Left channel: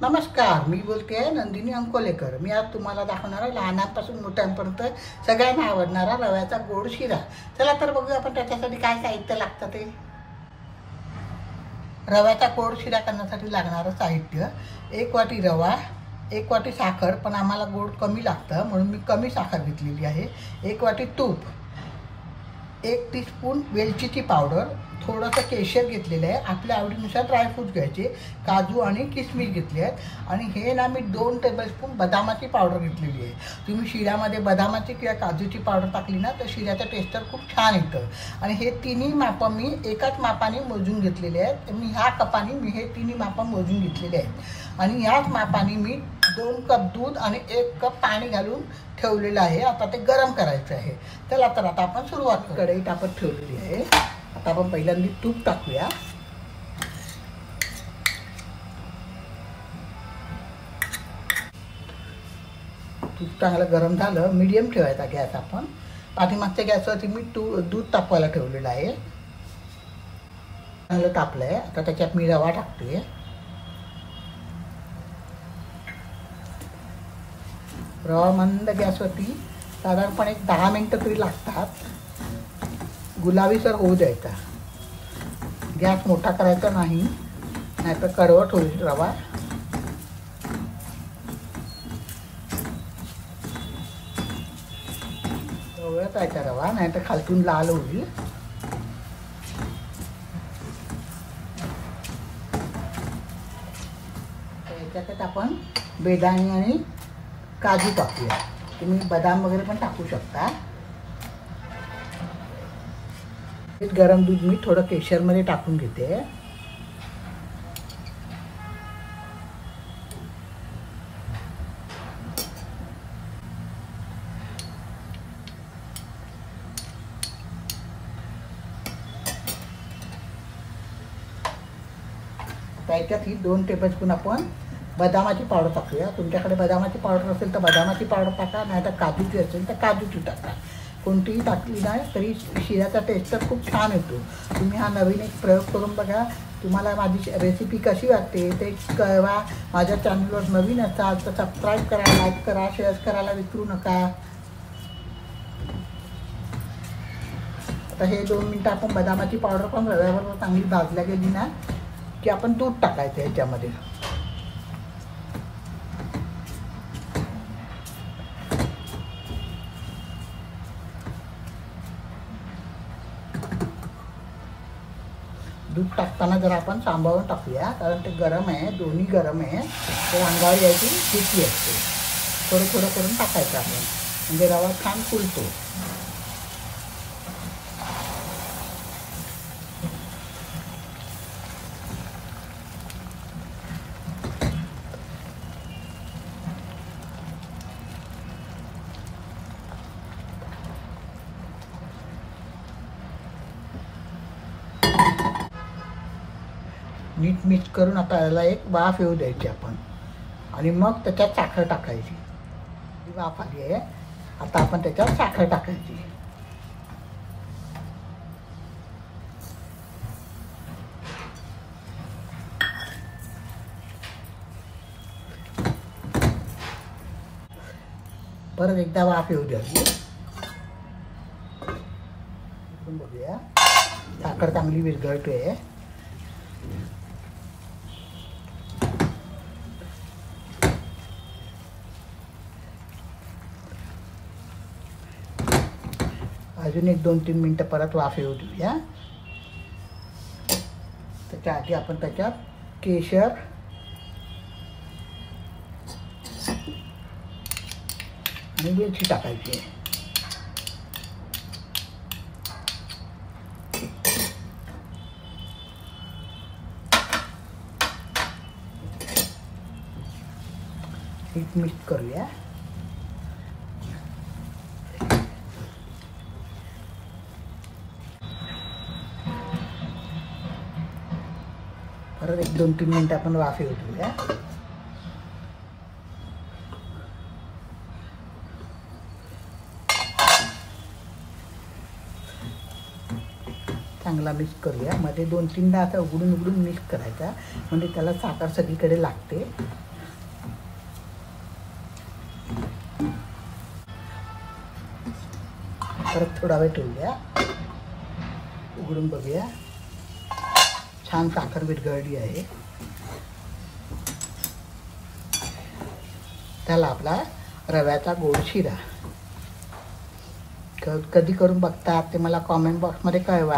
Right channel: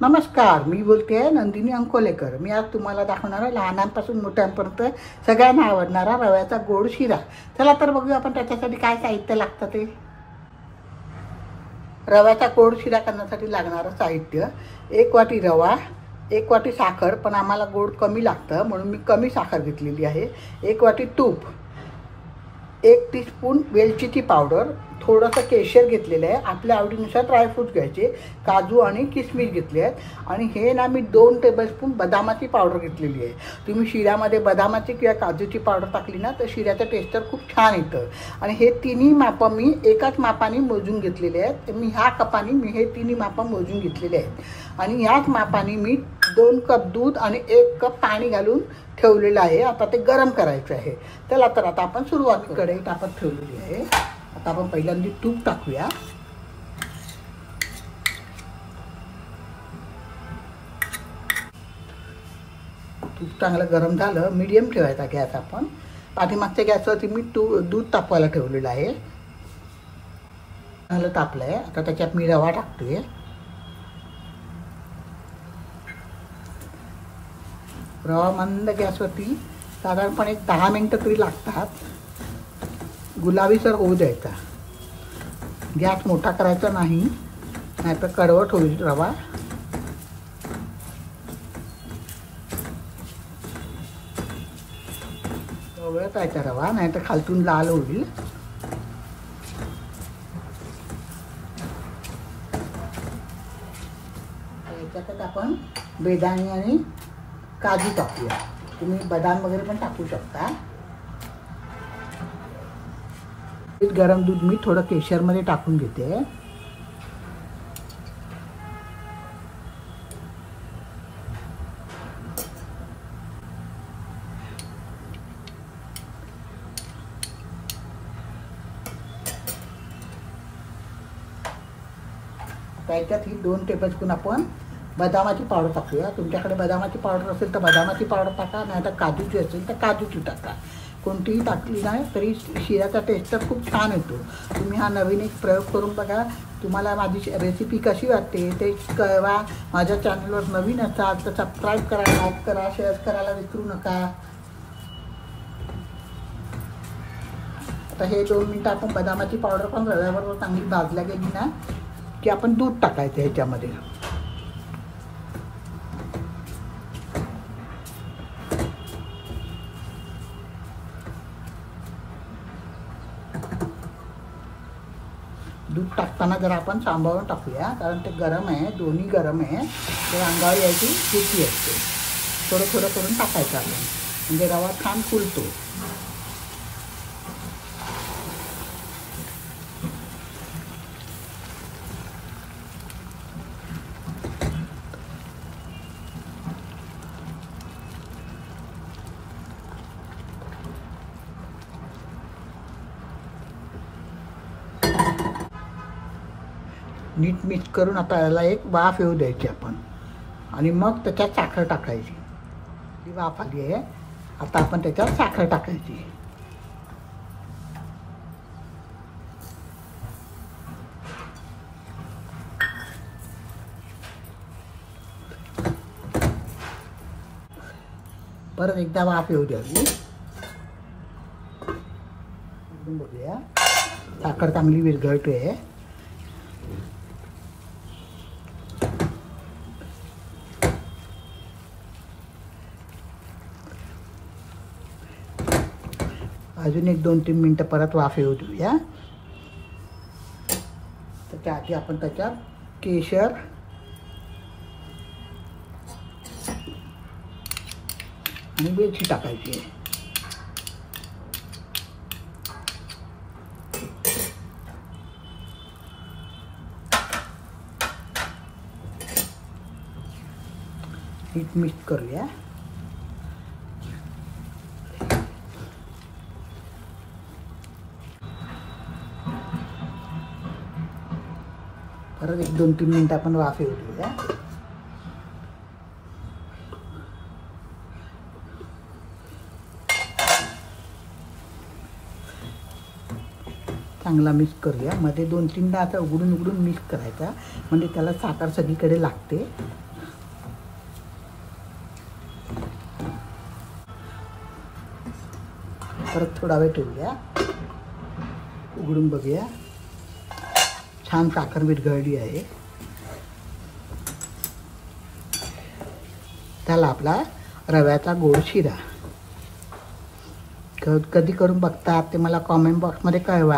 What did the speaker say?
नमस्कार, मी बोलते आहे नंदिनी अंकोलेकर। मी आज तुम्हाला दाखवणार आहे लहानांपासून मोठ्यांपर्यंत सगळ्यांना आवडणारा रव्याचा गोड शिरा। चला तर बघूया आपण त्याच्यासाठी काय साहित्य लागतं ते। रव्याचा गोड शिरा करण्यासाठी लागणारं साहित्य 1 वाटी रवा, 1 वाटी साखर, पण आम्हाला गोड कमी लागतं म्हणून मी कमी साखर घेतलेली आहे, 1 वाटी तूप, 1 टीस्पून वेलचीची पावडर, थोडंसं केशर घेतलेलं आहे, आपल्या आवडीनुसार ड्रायफ्रूट घ्यायचे, काजू आणि किसमिस घेतले आहेत आणि हे ना मी 2 टेबलस्पून बदामाची पावडर घेतलेली आहे। तुम्ही शिऱ्यामध्ये बदामाची किंवा काजूची पावडर टाकली ना तर शिऱ्याचं टेस्ट खूप छान येतं। आणि हे तिन्ही मापं मी एकाच मापाने मोजून घेतलेले आहेत। तर मी ह्या कपाने मी हे तिन्ही मापं मोजून घेतलेले आहेत आणि ह्याच मापाने मी 2 कप दूध आणि 1 कप पाणी घालून ठेवलेलं आहे। आता ते गरम करायचं आहे। चला तर आता आपण सुरुवात करू। कढई तापत ठेवलेली आहे। आता आपण पहिल्यांदा तूप टाकूया। तूप चांगलं गरम झालं, मीडियम ठेवायचा गॅस आपण। पाठीमागच्या गॅसवरती मी दूध तापवायला ठेवलेलं आहे। चांगलं तापलंय, आता त्याच्यात मी रवा टाकते। रवा मंद गॅसवरती साधारणपणे 10 मिनिटं तरी लागतात, गुलाबीसर होऊ द्यायचा। गॅस मोठा करायचा नाही, नाहीतर कडवट होईल रवा। ओळखायचा रवा, नाहीतर खालतून लाल होईल। याच्यात आपण बेदाणे आणि काजू टाकूया, तुम्ही बदाम वगैरे पण टाकू शकता। गरम दूध मी थोडं केशरमध्ये टाकून घेते। त्याच्यात ही 2 टेबलस्पून आपण बदामाची पावडर टाकूया। तुमच्याकडे बदामाची पावडर असेल तर बदामाची पावडर टाका, नाहीतर काजूची असेल तर काजूची टाका। कोणतीही टाकली ना तरी शिऱ्याचा टेस्ट खूप छान येतो। तुम्ही हा नवीन एक प्रयोग करून बघा। तुम्हाला माझी रेसिपी कशी वाटते ते कळवा। माझ्या चॅनलवर नवीन असाल तर सबस्क्राईब करा, लाईक करा, शेअर करायला विसरू नका। आता हे 2 मिनिटं आपण बदामाची पावडर पण रव्याबरोबर चांगली भाजल्या गेली ना की आपण दूध टाकायचं ह्याच्यामध्ये। दूध टाकताना जर आपण सांभाळून टाकूया, कारण ते गरम आहे, दोन्ही गरम आहे, ते अंगावर यायची भीती असते। थोडं थोडं करून टाकायचं आहे, म्हणजे रवा छान फुलतो। नीट मिक्स करून आता याला एक वाफ येऊ द्यायची आपण आणि मग त्याच्यात साखर टाकायची। वाफ आली आहे, आता आपण त्याच्यात साखर टाकायची। परत एकदा वाफ येऊ द्यायची। बघूया साखर चांगली विरघळते। अजून एक 2-3 मिनिटं परत वाफ येऊ देऊया। त्याच्या आधी आपण त्याच्यात केशर आणि वेलची टाकायची। मिक्स करूया। परत एक 2-3 मिनिटं आपण वाफ येऊ देऊया। चांगला मिक्स करूया। मध्ये 2-3दा आता उघडून मिक्स करायचा, म्हणजे त्याला साखर सगळीकडे लागते। परत थोडा वेळ ठेवूया, उघडून बघूया. छान साखर विरघळली आहे. त्याला आपला रव्याचा गोड शिरा कधी करून बघता ते मला कॉमेंट बॉक्समध्ये कळवा.